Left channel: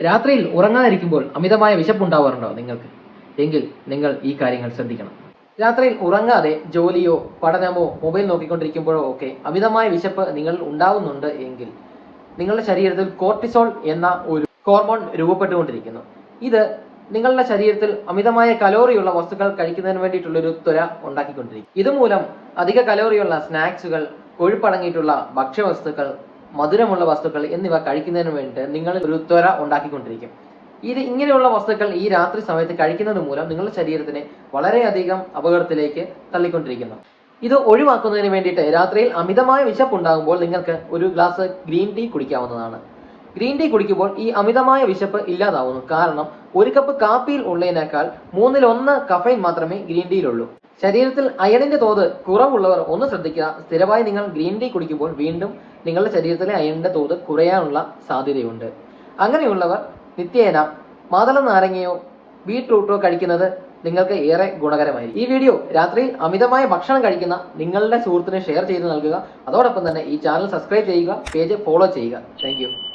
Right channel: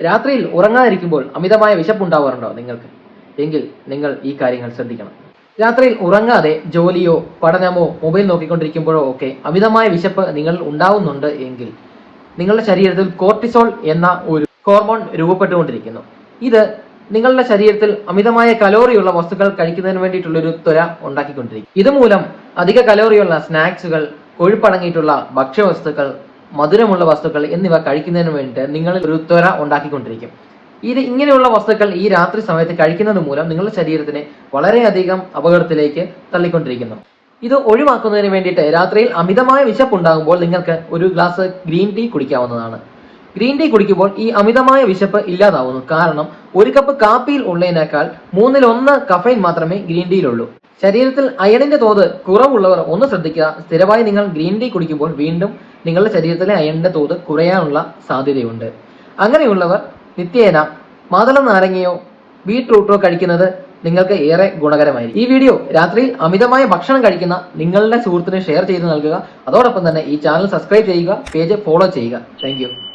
രാത്രിയിൽ ഉറങ്ങാതിരിക്കുമ്പോൾ അമിതമായ വിശപ്പ് വിശപ്പുണ്ടാവാറുണ്ടോ നിങ്ങൾക്ക്? എങ്കിൽ നിങ്ങൾ ഈ കാര്യങ്ങൾ ശ്രദ്ധിക്കണം. രാത്രിയിൽ ഉറങ്ങാതെ ജോലിയോ പഠനമോ മൊബൈൽ നോക്കിക്കൊണ്ടിരിക്കുമ്പോഴോ ഒക്കെ അമിതമായ വിശപ്പ് നിങ്ങൾ ഉണ്ടാവുന്നുണ്ട് എങ്കിൽ നിങ്ങളുടെ ശരീരത്തിൽ കോർട്ടിസോൾ എന്ന ഒരു ഹോർമോൺ രൂപപ്പെട്ടുകൊണ്ടിരിക്കുന്നു. ഇത് നിങ്ങളുടെ ശരീരത്തിൽ അമിതമായ കലോറിയുള്ള വസ്തുക്കൾ കഴിക്കുന്നതിന് വേണ്ടിയിട്ടുള്ള ഒരു ത്വര ഉണ്ടാക്കിക്കൊണ്ടിരിക്കും. ഇതുമൂലം അധിക കലോറിയുള്ള സ്നാക്സുകൾ കൊഴുപ്പടങ്ങിയിട്ടുള്ള ഭക്ഷ്യവസ്തുക്കൾ മധുരമുള്ള വസ്തുക്കൾ എന്നിവ കഴിക്കുന്നതിന് വേണ്ടിയിട്ട് നിങ്ങൾ ഒരു ത്വര ഉണ്ടാക്കിക്കൊണ്ടിരിക്കും. ഇത് ഇങ്ങനെയുള്ള വസ്തുക്കൾ ഈ രാത്രി സമയത്ത് കഴിക്കുന്നത് മൂലം നിങ്ങളുടെ ശരീരത്തിനെ വളരെയധികം അപകടത്തിലേക്ക് തള്ളിക്കൊണ്ടിരിക്കുന്നു. ഇത് ഒഴിവാക്കുന്നതിന് വേണ്ടിയിട്ട് രാത്രിയിൽ അമിതമായ വിശപ്പ് ഉണ്ടാകുമ്പോൾ നിങ്ങൾക്ക് ഒരു ഗ്ലാസ് ഗ്രീൻ ടീ കുടിക്കാവുന്നതാണ്. ഗ്രീൻ ടീ കുടിക്കുമ്പോൾ ഈ അമിതമായ വിശപ്പ് ഇല്ലാതാവുന്നു. കാരണം ഒരു കപ്പ് കാപ്പിയിൽ ഉള്ളതിനേക്കാൾ മൂന്നിൽ ഒന്ന് കഫൈൻ മാത്രമേ ഗ്രീൻ ടീയിലുള്ളൂ. ശരീരത്തിൽ അയണിന്റെ തോത് കുറവുള്ളവർ ഒന്ന് ശ്രദ്ധിക്കുക. സ്ഥിരമായി നിങ്ങൾ ഗ്രീൻ ടീ കുടിക്കുമ്പോൾ വീണ്ടും നിങ്ങളുടെ ശരീരത്തിലെ അയണിന്റെ തോത് കുറയാനുള്ള സാധ്യതയുണ്ട്. അങ്ങനെയുള്ളവർ നിത്യേന മാതള നാരങ്ങയോ ബീട്രൂട്ടോ കഴിക്കുന്നത് നിങ്ങൾക്ക് ഏറെ ഗുണകരമായിരിക്കും. ഈ വീഡിയോ രാത്രിയിൽ അമിതമായ ഭക്ഷണം കഴിക്കുന്ന നിങ്ങളുടെ സുഹൃത്തിന് ഷെയർ ചെയ്ത് നൽകുക. അതോടൊപ്പം തന്നെ ഈ ചാനൽ സബ്സ്ക്രൈബ് ചെയ്യുക പേജ് ഫോളോ ചെയ്യുക. താങ്ക്